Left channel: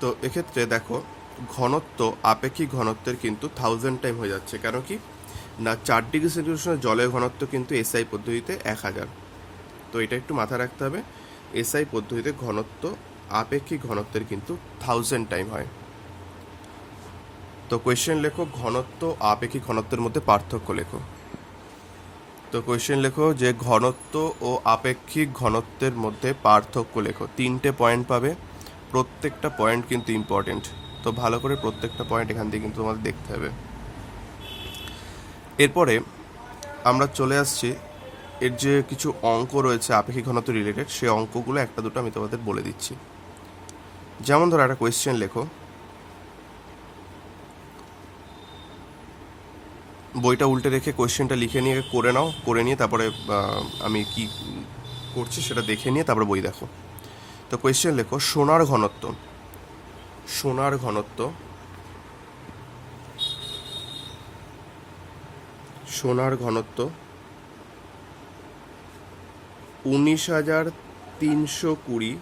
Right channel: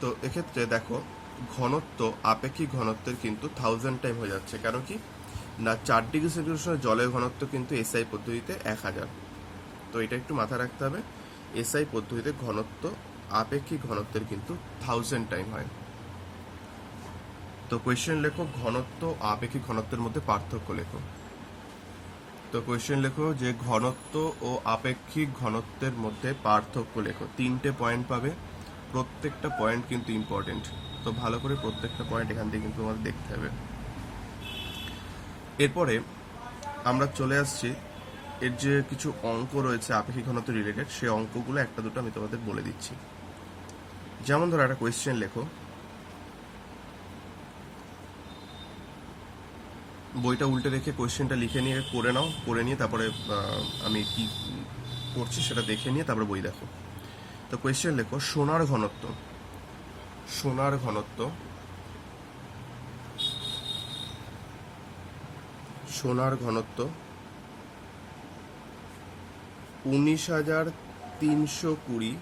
তো এক্ষেত্রে দেখো ঘনত্ব আপেক্ষিক ঘনত্বের কিন্তু 1000 টাইম হয়ে যাচ্ছে। কেন কি না, 4 ডিগ্রি সেন্টিগ্রেড জলের ঘনত্ব কিন্তু এসআই পদ্ধতিতে 1000। তো এটা একটু মাথায় রাখতে হবে, এসআই পদ্ধতিতে ঘনত্ব আপেক্ষিক ঘনত্বের কিন্তু 1000 টাইম হয়। তো কোয়েশ্চেন লেখো ঘনত্ব আপেক্ষিক ঘনত্বের মধ্যে পার্থক্য লেখো। তো কোয়েশ্চেন লেখো যে ঘনত্ব ও আপেক্ষিক ঘনত্বের মধ্যে পার্থক্য লেখো। 3টে পয়েন্ট পাবে, প্রত্যেকটা পয়েন্ট কিন্তু ইম্পর্টেন্ট। তো ভালো করে প্রত্যেকটা পয়েন্ট এখান থেকে কিন্তু তোমাদের দেখতে হবে। এরপরে আমরা চলে আসছি এর যে কিছু অঙ্ক রয়েছে আপেক্ষিক ঘনত্ব রিলেটেড, সেই অঙ্কগুলো একটা দুটো আমি তোমাদের বলে দিচ্ছি। যেমন ধরো একটা কোয়েশ্চেন লেখো, বইটা উল্টে রেখে কোয়েশ্চেনটা লিখে নিয়ে করে নাও, করে নিয়ে তারপরে আমি কি করছি সেটা দেখে নিয়ে তারপরে বই দেখো। তো কোয়েশ্চেন লেখো সোনার ঘনত্ব, সোনার ঘনত্ব, সোনার ঘনত্ব 19,320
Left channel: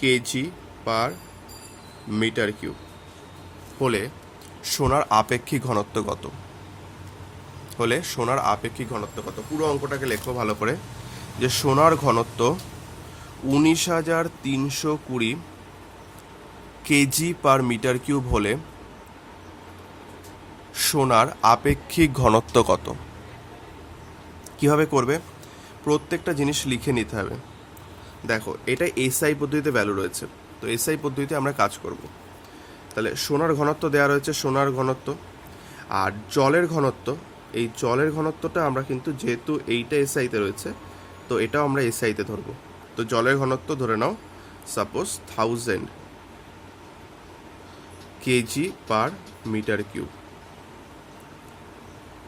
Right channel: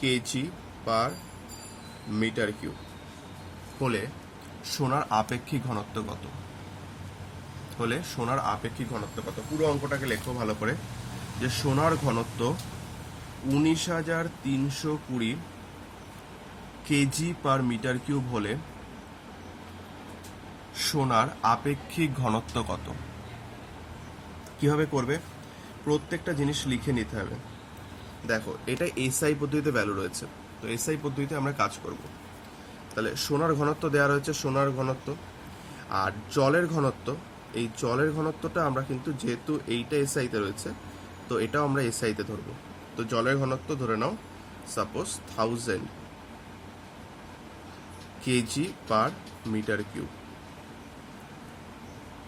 কেজি পার মিটার কিউব হলে সোনার আপেক্ষিক ঘনত্ব কত? হলে সোনার আপেক্ষিক ঘনত্ব কত? পুরো অঙ্কটাকে লেখো ভালো করে, যে সোনার ঘনত্ব 19,320 কেজি পার মিটার কিউব হলে সোনার আপেক্ষিক ঘনত্ব কত? কিভাবে করবে? প্রত্যেকটা জিনিস লিখে নিতে হবে। দেখো এটা এসআই পদ্ধতিতে ভ্যালু রয়েছে, তো এসআই পদ্ধতিতে আমরা কাজ করব। তাহলে সোনার ঘনত্ব দেওয়া রয়েছে, সোনার ঘনত্ব আর জলের ঘনত্ব, এই জলের ঘনত্বটা আমরা কিন্তু যেহেতু এইটা এসআইতে রয়েছে, তো এটাও আমরা এসআইতে ধরবো। তো জলের ঘনত্ব ধরে নাও suppose 1000 KG per metre cube,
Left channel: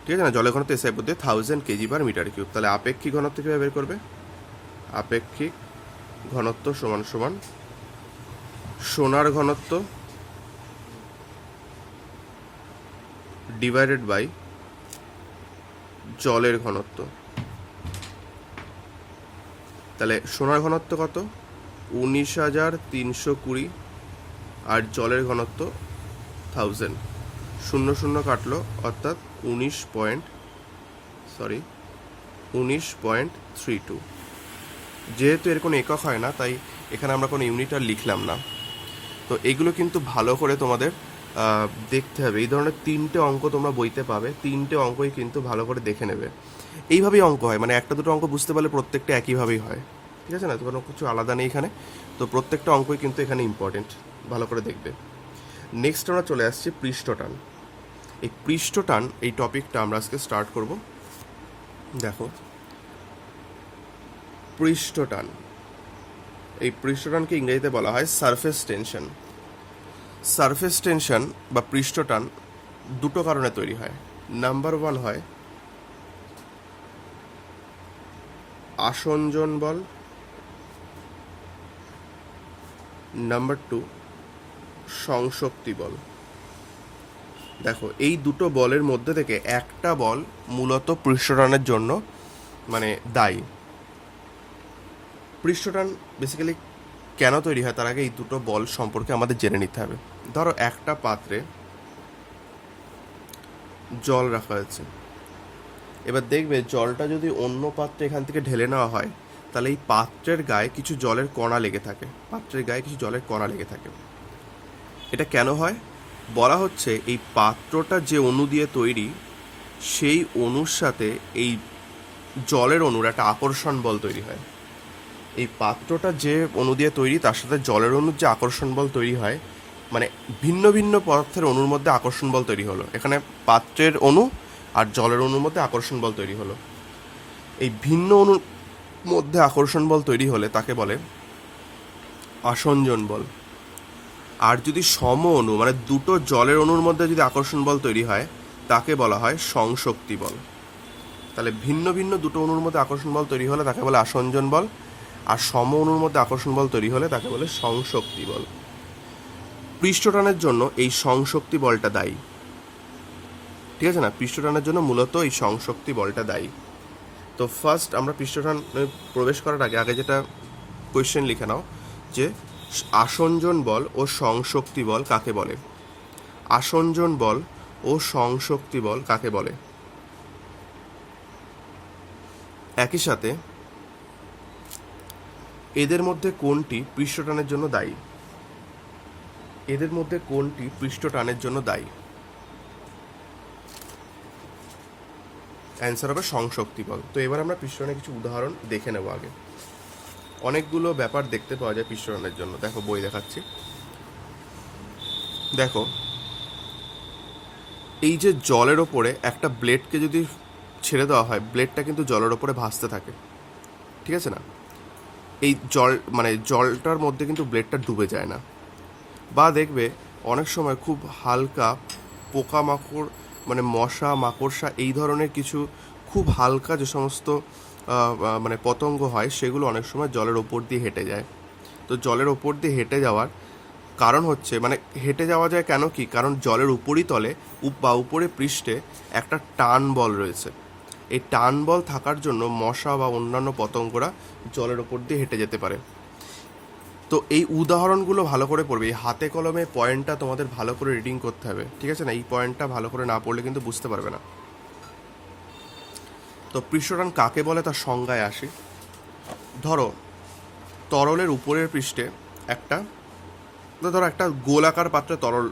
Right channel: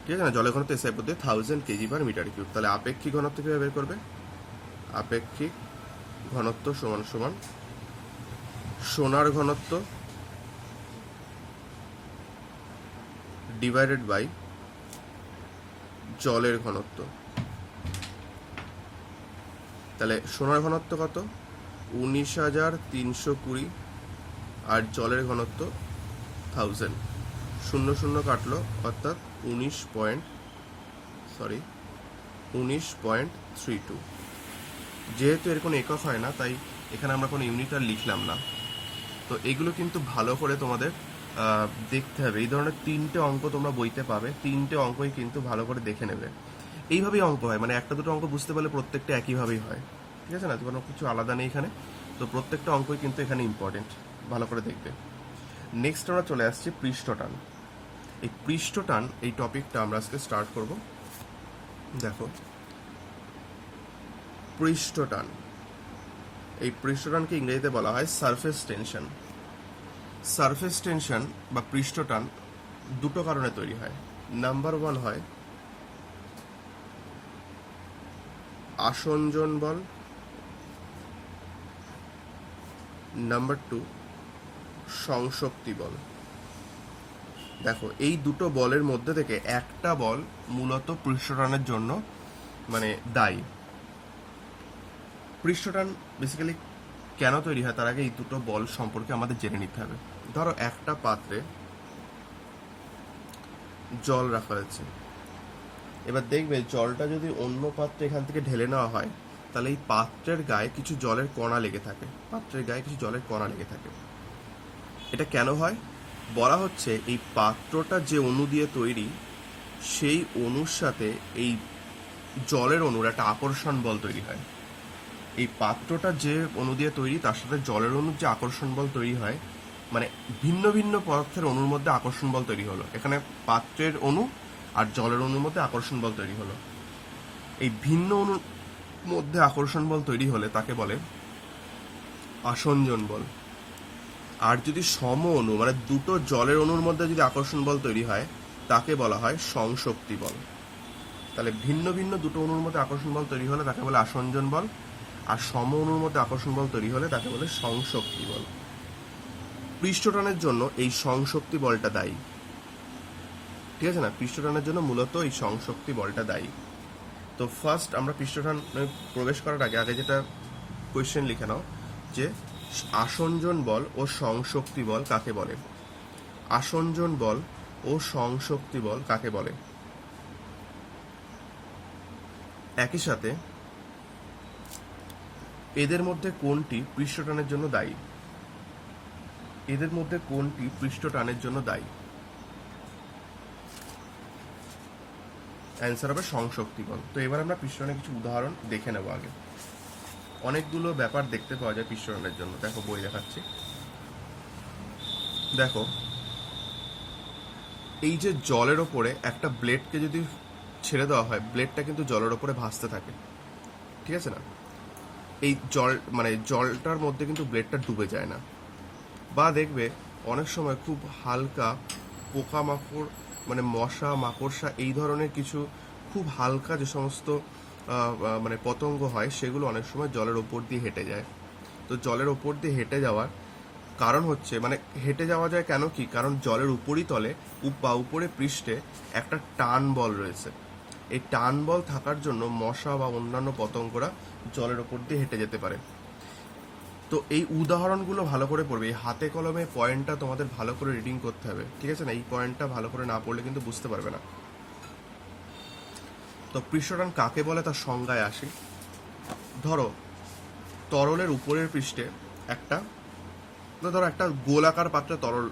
ঠিক আছে না? জলের ঘনত্ব এসআই পদ্ধতি 1000 কেজি পার মিটার কিউব। তাহলে আপেক্ষিক ঘনত্ব কিভাবে বের করবে? আপেক্ষিক ঘনত্ব সমান সমান সোনার ঘনত্ব ডিভাইডেড বাই জলের ঘনত্ব। তাহলে সোনার ঘনত্ব কত? 19,320 আর জলের ঘনত্ব 1000। 00 কাটলো, অর্থাৎ 19.32। যেহেতু এর কোনো একক হয় না, তাই এখানে আমরা কোনো ইউনিট আর লিখলাম না। তো এগুলো কিন্তু ভালো করে তোমাদের দেখতে হবে। এই ধরনের 3টে অঙ্ক তোমরা বইতে পাবে, 3টে অঙ্কই কিন্তু ভালো করে দেখে নেবে। এইভাবেই অঙ্ক হয়, মানে একটা দুটো অঙ্ক বুঝতে পারলে প্রত্যেকটা একইভাবেই হয়, ঠিক আছে না? তো কোনো কিছু আলাদা নেই এখানে। তো প্রত্যেকটা অঙ্কই কিন্তু এখানে ইম্পর্টেন্ট, ভালো করে দেখবে। নেক্সট আমরা চলে আসছি পৃষ্ঠটান। এই পৃষ্ঠটান এই টপিকটা আমরা আজকে স্টার্ট করব। দেখো পৃষ্ঠটান, এই পৃষ্ঠটানকে ইংরেজিতে বলা হয় সারফেস টেনশন। সারফেস টেনশন বা পৃষ্ঠটান দুটো কারণে তৈরি হয়। নাম্বার 1 হয় আসঞ্জন বল, নাম্বার 2 সংশক্তি বল। দেখো এই দুটো বলের মধ্যে থেকে একটা বল মূলত পৃষ্ঠটানের জন্য মানে দায়ী। পৃষ্ঠটান বেসিক্যালি কেন তৈরি হয় তার আগে এই দুটো বল সম্পর্কে আমাদের জেনে নিতে হবে। ধরো একটা পাত্রে জল রাখা হয়েছে, এবার দেখবে জলটা যদি অন্য পাত্রে এখান থেকে ঢেলে নেওয়া হয়, তাহলে এই পাত্রের গায়ে কিছু জলের কণা লেগে থাকে, পাত্রের গায়ে কিছু জলের কণা লেগে থাকে। এটা কেন হয়? বলা হচ্ছে এই পাত্রটা যে অণু দিয়ে তৈরি, সেই অণুর সাথে এই জলের অণুর একটা আকর্ষণ বল তৈরি হয়। এই পাত্রটা যে অণু দিয়ে তৈরি, তার সাথে জলের অণুর যে আকর্ষণ বল তৈরি হয়, মানে ভিন্ন ভিন্ন পদার্থের অণুর মধ্যে আকর্ষণ বল তৈরি হলো। এখানে পাত্রের অণু আর জলের অণুর মধ্যে আকর্ষণ বল তৈরি হলো। এই ভিন্ন অণুর মধ্যে আকর্ষণ বল তৈরি হলে তাকে বলে আসঞ্জন বল। আর যদি সম অণু মানে দুটো জলের অণুর মধ্যে যদি আকর্ষণ বল তৈরি হয়, তাকে বলা হয় সংশক্তি বল। তাহলে ভিন্ন ভিন্ন দুটো অণুর মধ্যে আকর্ষণ বল তৈরি হলে তাকে বলে আসঞ্জন বল, আর সম অণুর মধ্যে আকর্ষণ বল তৈরি হলে তাকে বলে সংশক্তি বল। পৃষ্ঠটানের জন্য এই সংশক্তি বলটা দায়ী, ঠিক আছে না? পৃষ্ঠটানের জন্য মূলত এই সংশক্তি বলটা দায়ী। তো ফার্স্ট আমরা পৃষ্ঠটান প্রবেশ করার আগে যেটা কোয়েশ্চেন লিখে নাও, যে আসঞ্জন বল ও সংশক্তি বল কাকে বলে? আসঞ্জন বল ও সংশক্তি বল কাকে বলে? একই সাথে এদের মধ্যে কোনটি পৃষ্ঠটানের জন্য দায়ী? এদের মধ্যে কোনটি পৃষ্ঠটানের জন্য দায়ী? অ্যান্সার হবে সংশক্তি বল। তো এবার আমরা পৃষ্ঠটানের কিছু উদাহরণ দেখে নেব। আগে অনেকগুলো ব্যাপার দেখতে পাওয়া যায় পৃষ্ঠটানের জন্য। দেখো বই দেখাচ্ছি। দেখো এই যে জলের ওপরে একটা ব্লেডকে যদি ছেড়ে দেওয়া হয়, ব্লেডটা কিন্তু জলের ওপরে ভাসতে থাকে, ঠিক আছে না? এই জল মানে জলটার মধ্যে কিন্তু ব্লেডটা ডুবে যায় না। বা দেখবে অনেক সময় খুব হালকা পোকামাকড় মানে মশা মাকড়সা এই ধরনের কিছু খুব হালকা যে সমস্ত মানে পতঙ্গ হয়, সেগুলো অনেক সময় জলের ওপর দিয়ে হেঁটে যায়। তো জলের ওপর দিয়ে হেঁটে যাওয়ার কারণ হচ্ছে মানে হেঁটে যাওয়া যায় কেন কি? কারণ জলের উপরিতলে বা উপরে পৃষ্ঠে একটা টান বল রয়েছে। এই টান বল থাকার জন্য মশা বা অন্যান্য পতঙ্গরা জলের ওপর দিয়ে হেঁটে যেতে পারে। তো এই উদাহরণগুলো ভালো করে পড়বে। এই হাতে কলমে পয়েন্টটা তোমাদের ভালো করে রিডিং করতে হবে, ঠিক আছে না? এই পয়েন্টটা ভালো করে না পড়লে কিন্তু বুঝতে পারবে না। তো পৃষ্ঠটান কাকে বলে তার সংজ্ঞায় আসি। ধরো তরলের উপরের পৃষ্ঠে একটা ধরো একটা গোলাকার পাত্রে তরল,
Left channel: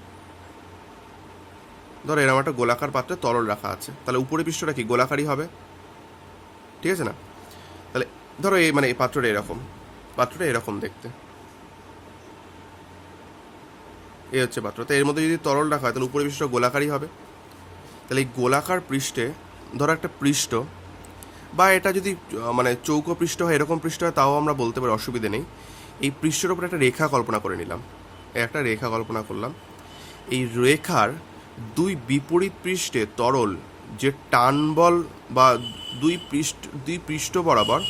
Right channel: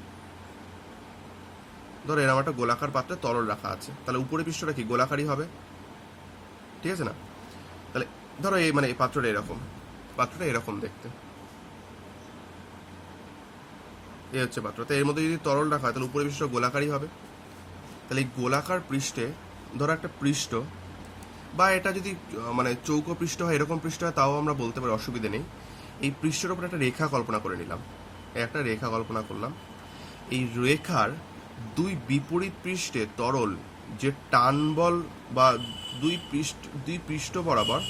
ধরো এরকম একটা গোলাকার পাত্রে তরল রাখা আছে, তাহলে উপরের পৃষ্ঠটা কি গোলাকারই হবে, ঠিক আছে না? তাহলে ধরো এই মানে এই পাত্রটা এরকম দেখতে, এই হচ্ছে পাত্র। তো এর মধ্যে যদি তরল রাখা হয় তাহলে উপরের পৃষ্ঠ গোলাকারই হবে। তাহলে এই গোলাকার পৃষ্ঠে ধরো একটা পৃষ্ঠ, বা এটা যদি মানে চৌকো পৃষ্ঠ হয়, এরকম পৃষ্ঠ হয়, তাও আমরা বলতে পারি, অসুবিধে নেই। এই পৃষ্ঠের উপরে একটা রেখা কল্পনা করে নিলাম, একটা রেখা কল্পনা করলাম। এই রেখার দুই বিপরীত পৃষ্ঠে তরল যে টান বল বা দুই পৃষ্ঠ বরাবর,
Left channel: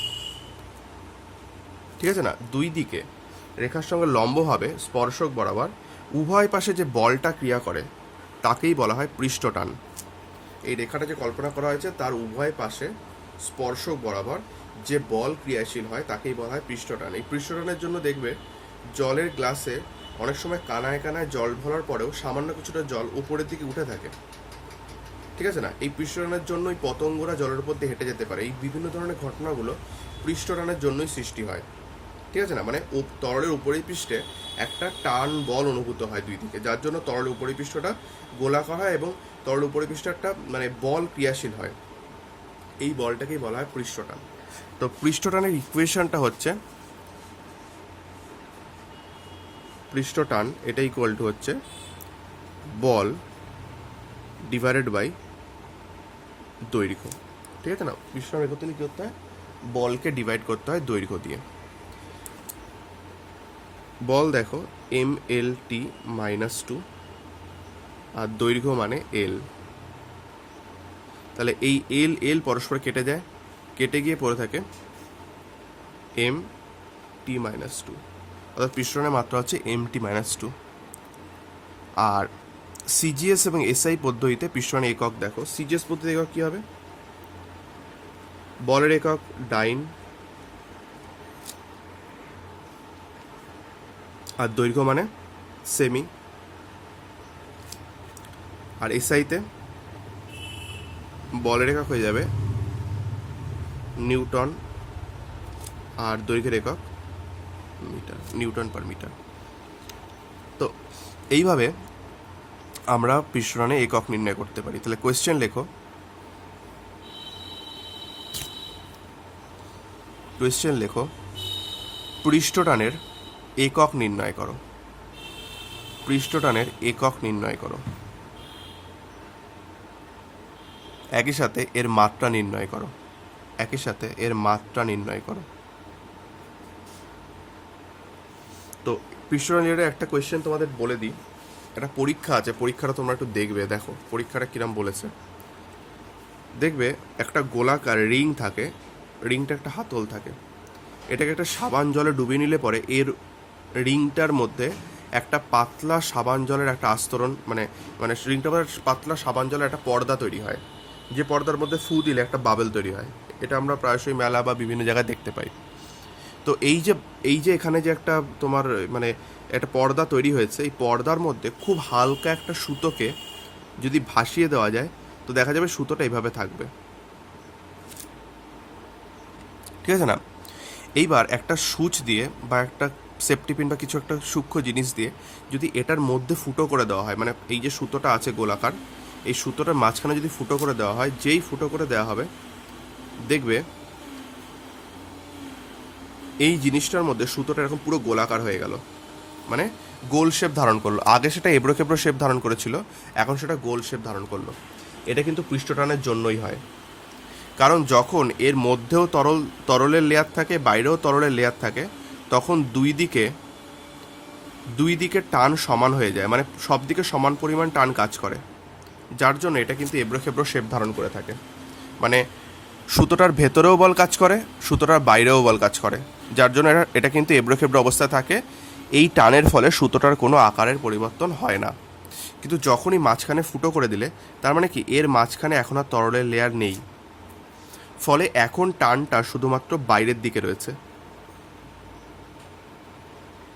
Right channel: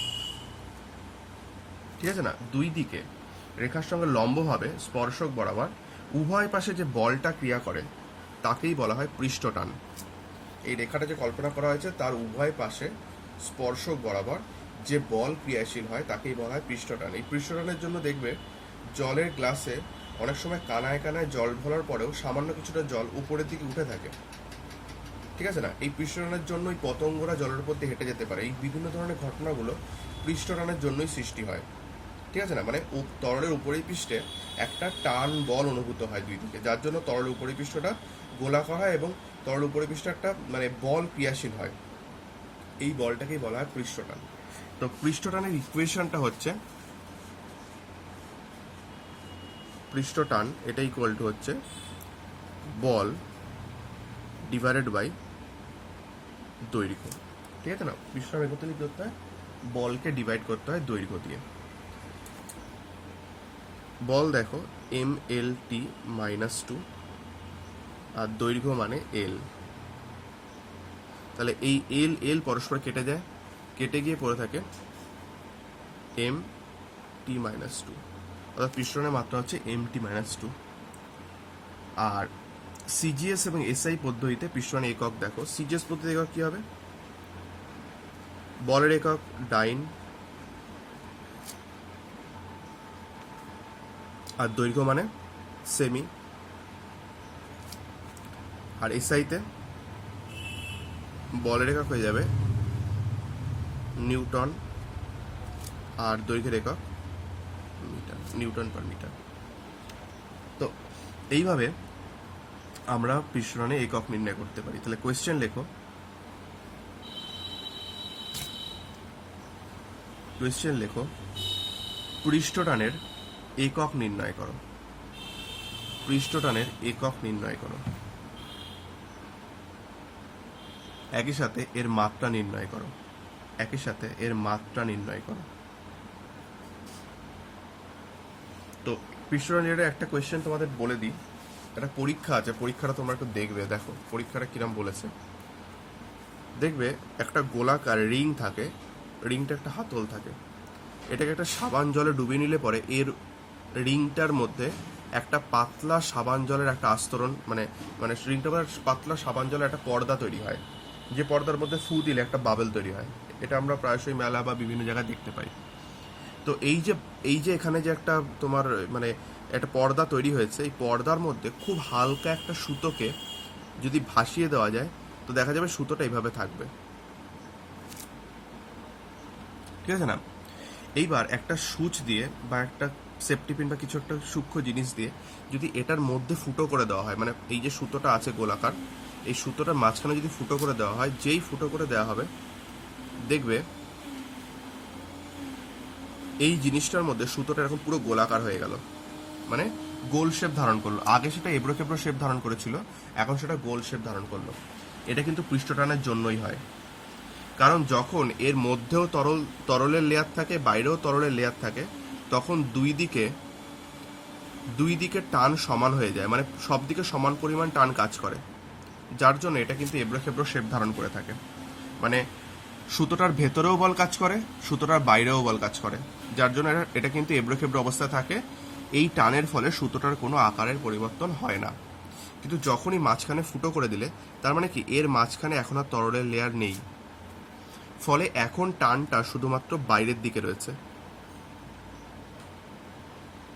ঠিক আছে না, দুই দিকে রেখার সঙ্গে লম্বভাবে স্পর্শক বরাবর উভয় পাশে যে বলটা ক্রিয়া করে তাকেই বলা হয় পৃষ্ঠটান। এই রেখাটা যে কল্পনা করা হয়েছে তার উভয় পাশে স্পর্শক বরাবর যে বল ক্রিয়াশীল হয় তাকেই বলা হয় পৃষ্ঠটান। এই পৃষ্ঠটানের জন্য দেখবে জলের গ্লাসে অনেক সময় কানায় কানায় জল ভরার পরেও সামান্য কিছুটা জল উপরের দিকে উঠে থাকে, ঠিক আছে না? এই পৃষ্ঠটানের জন্যই পতঙ্গরা জলের উপর দিয়ে হেঁটে যেতে পারে। এই বিভিন্ন ধরনের ঘটনাগুলো পৃষ্ঠটানের জন্যই সৃষ্টি হয়, ঠিক আছে না? মানে তরলের উপরের পৃষ্ঠে একটা টান বল অনুভূত হয় দুই দিকে, যার জন্য তরলের উপরের পৃষ্ঠটা গোলাকার হয় এবং তরলের উপরের পৃষ্ঠে একটা মানে বল ক্রিয়াশীল হয়। এই বলটাকেই বলা হয় পৃষ্ঠটান। তো পৃষ্ঠটানের ইকুয়েশনটা হচ্ছে পৃষ্ঠটান এটা ইকুয়াল টু হচ্ছে বল ডিভাইডেড বাই দৈর্ঘ্য, ঠিক আছে না? পৃষ্ঠটান করতে কি করতে হয়? বলকে ডিভাইড করতে হয় দৈর্ঘ্য দিয়ে। বল দেখো MLT -2 আর দৈর্ঘ্য মানে L। তাহলে এই L পরস্পর কেটে যায়, কেটে গিয়ে পড়ে থাকে MT -2, অর্থাৎ পৃষ্ঠটানের মাত্রা হচ্ছে MT -2। আর CGS এবং SI পদ্ধতিতে পৃষ্ঠটানের একক দেখো। CGS পদ্ধতি একক কি হবে? বলের একক ডাইন, আর দৈর্ঘ্য মানে সেমি। আর এসআইতে বলের একক হয়ে যাবে নিউটন, আর দৈর্ঘ্যের একক মিটার, নিউটন পার মিটার। তো এইভাবে আমরা পৃষ্ঠটানে একক নির্ণয় করতে পারি। তাহলে কোয়েশ্চেন লেখো, পৃষ্ঠটানের একক নির্ণয় করো। পৃষ্ঠটানের একক নির্ণয় করো। একই সাথে এর মাত্রা নির্ণয় করো। তো পৃষ্ঠটানের একটা কোয়েশ্চেন তোমাদের বলে দিই। একটা পরীক্ষা আছে, পরীক্ষাটা তোমরা একটু দেখবে। দেখো পরীক্ষাটা কিরম বলেছে। দেখবে একটা গোলাকার রিং থাকে, রিংটা একটা হাতল থাকে। এটাকে একটা সাবান জলে ডুবিয়ে নিলে পরে এর রিংটার মধ্যে একটা পাতলা সাবান জলের একটা আস্তরণ মানে মানে রিংটার মধ্যে পাতলা সাবান জলের একটা পর্দা তৈরি হয়, যে পর্দার মধ্যে ফু দিলে একটা বাবেল তৈরি হয়। এটা আমরা প্রায়শই মেলা বা বিভিন্ন জায়গায় দেখতে পাই। তো এই যে এখানে যে একটা তোমার মানে একটা পর্দা তৈরি হয়েছে, এই পর্দার মধ্যে খুব হালকা একটা সুতোকে যদি ভাসিয়ে দেওয়া যায় তো দেখা যাবে সুতোটা এইভাবে থাকবে, ঠিক আছে না? এইবার একটা সুচ দিয়ে বা একটা সেফটি পিন বা কিছু একটা সূক্ষ্ম জিনিস দিয়ে যদি এটার মধ্যে ফুটো করে দেওয়া হয়, মানে এই যে সুতোটা আছে গোলাকার, এই সুতোটার মাঝখানে যদি ফুটো করে দেওয়া হয়, যেই ফুটো করে দেওয়া হবে দেখবে এই জিনিসটার মধ্যে সুতোটা এরকম পুরো গোলাকার হয়ে গেল, মানে গোল শেপ ধারণ করলো। আগে সেটা এবড়ো খেবড়ো শেপ ধারণ করেছিল, এখন সেটা গোল শেপ ধারণ করলো। এটা কিন্তু পৃষ্ঠটানের জন্যই হয়, কারণ যখন এর মধ্যেও তরলের লেয়ার থাকে, বাইরেও তরলের লেয়ার থাকে, তখন দুই দিকে টান সমান হয়ে যায়, মানে সব দিকে সমান পরিমাণ টান কাজ করে, যার জন্য এটা কিন্তু এবড়ো খেবড়ো শেপ ধারণ করে থাকে। মানে সুতোটার ভেতরেও বল কাজ করে, সুতোটার বাইরেও বল কাজ করে, যার জন্য এটা কিন্তু এবড়ো খেবড়ো অবস্থায় থাকে। এই টানের ফলে সুতোটার কোনো আকারের পরিবর্তন হয় না। কিন্তু যখনই মাঝখানে ফুটো করে দিলে, তার মানে কি এর মাঝখানে এখন আর তরলের লেয়ার নেই, ফলে এখন টানটা শুধুমাত্র বাইরের দিকে রয়েছে,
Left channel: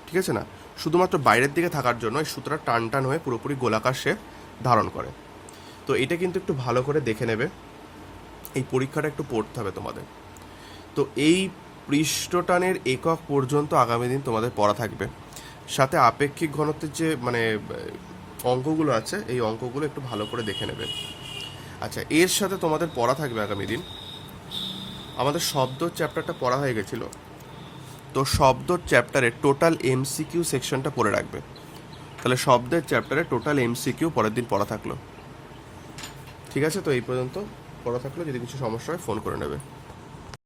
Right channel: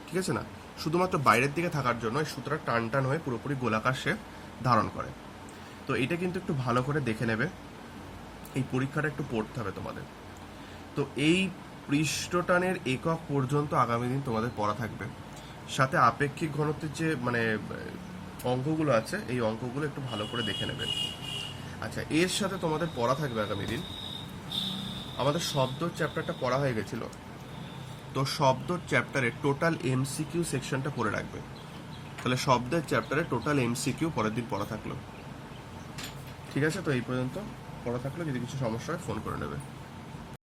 ঠিক আছে না? শুধুমাত্র বাইরের দিকে থাকার জন্য এই সুতোটা টান হয়ে পুরোপুরি গোলাকার শেপ ধারণ করে। তো এটা কিন্তু একটু ভালো করে দেখে নেবে, এই পরীক্ষাটা একটু পড়তে হবে তোমাদের। তো এই পৃষ্ঠটানের একক পর্যন্ত আগামী দিন তোমাদের পড়া থাকবে, সাথে আপেক্ষিক ঘনত্বের যে মানে অঙ্কগুলো আছে, এই অঙ্কগুলো একটু ভালো করে দেখে নেবে। আচ্ছা, এর সাথে তোমাদের পড়া থাকবে আগামী দিন, আমাদের শব্দ চ্যাপ্টারটা পড়া হয়ে গেছিল, তো শব্দর চ্যাপ্টারে টোটাল এমসিকিউ সেকশনটা পড়ে রাখবে। তাহলে শব্দের চ্যাপ্টারে টোটাল এমসিকিউ পরের দিন পড়া থাকলো, ঠিক আছে? তো এই পর্যন্ত পড়া থাকলো, যদি কিছু সমস্যা হয় ফোন করে নেবে।